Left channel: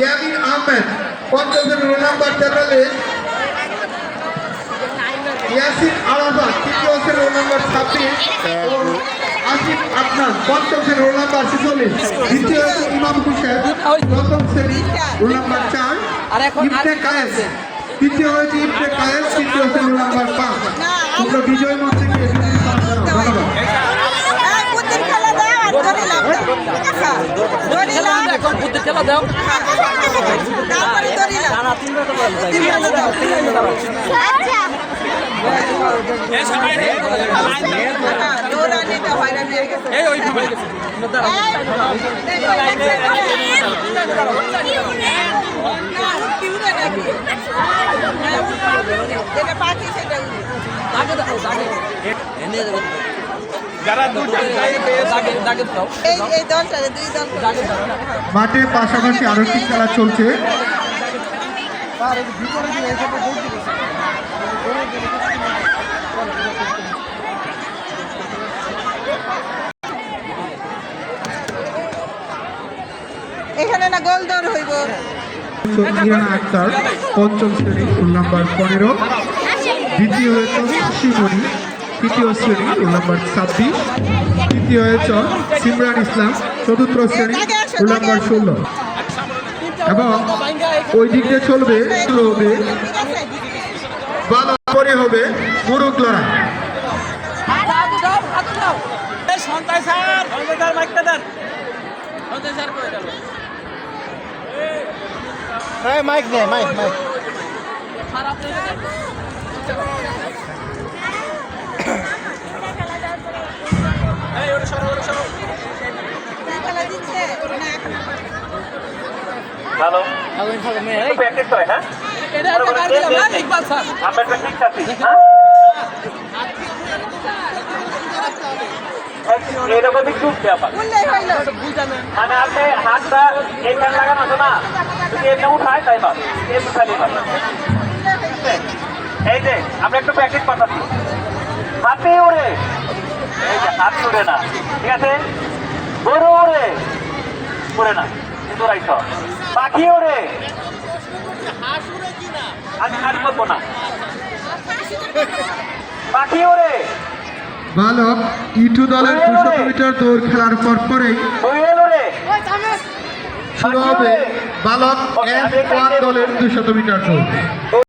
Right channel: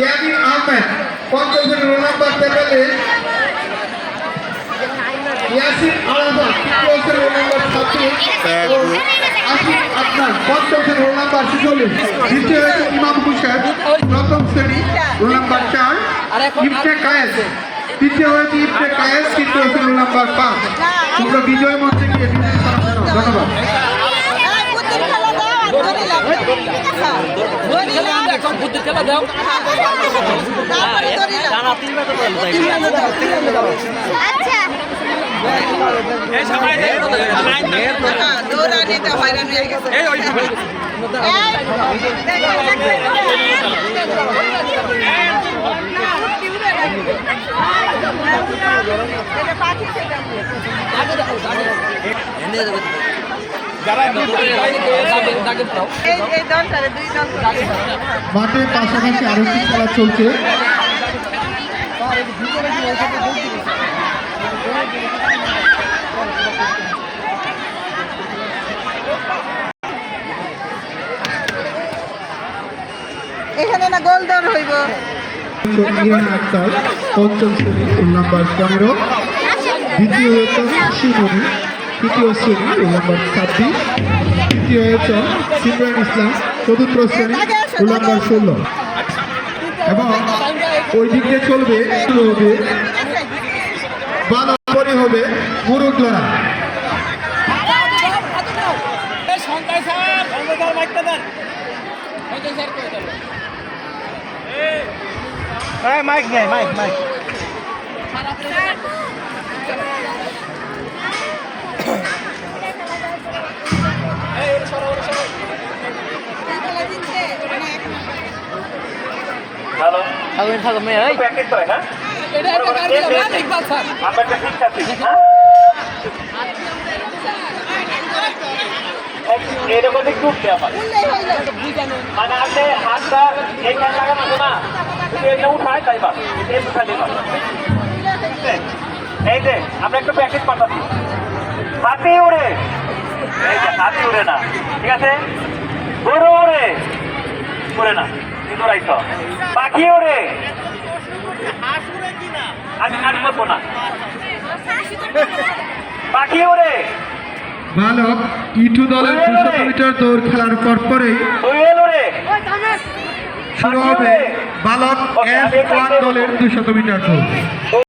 ইয়ামিন আহমেদ, পঞ্চম শ্রেণী roll number 43। Yasin Arafat, তৃতীয় শ্রেণী রোল নাম্বার 26। আসিফ আদনান, পঞ্চম শ্রেণী রোল নাম্বার 46। দ্বিতীয় হয়েছে ইমাম হোসেন, প্রথম শ্রেণী রোল নাম্বার 4। ইবনে কায়েস, তৃতীয় হয়েছে ইবনে কায়েস, তৃতীয় শ্রেণী রোল নাম্বার 5। তোমরা বিজয় মঞ্চে গিয়ে ধন্যবাদ। খেলা দাও মাঠে পাশাপাশি আরো একটি খেলা চলছে। এখানে না গোলদার হইব। ইরানা আক্তার, পঞ্চম শ্রেণী রোল নাম্বার 15। দ্বিতীয় হয়েছে সুশীমণি, তৃতীয় শ্রেণী রোল নাম্বার 26। তৃতীয় হয়েছে সিমরান ইসলাম, চতুর্থ শ্রেণী রোল নাম্বার 16। এবং ওই দিক দিয়ে চলবে বালো করে হবে মোরগ লড়া। মাইক নেই, মাইক মাইক হ্যালো, প্র্যাকটিস হয় না? আমরা একটা ঠিক আছি। এরকম একটু মানে আপনি হাতটা এখানে লাগানো আছে না, যদি এটা উঠায় তাই বাস, এটা উঠাইলে বাস। এই যে আমরা একটু প্র্যাকটিস পাঠাচ্ছি। হাতি উড়ে, এই যে হাতি উড়ে না, ঠিক আছে? গরু উড়ে, উড়ে না, কিন্তু উড়াইছ। পাখি ওরে, আমি হাত করবো না। পাখি ওরে, বালক ইটু দলের 200 মিটার দৌড় খেলার পরপরেই শুরু হবে বালক F1 দলের 200 মিটার দৌড়।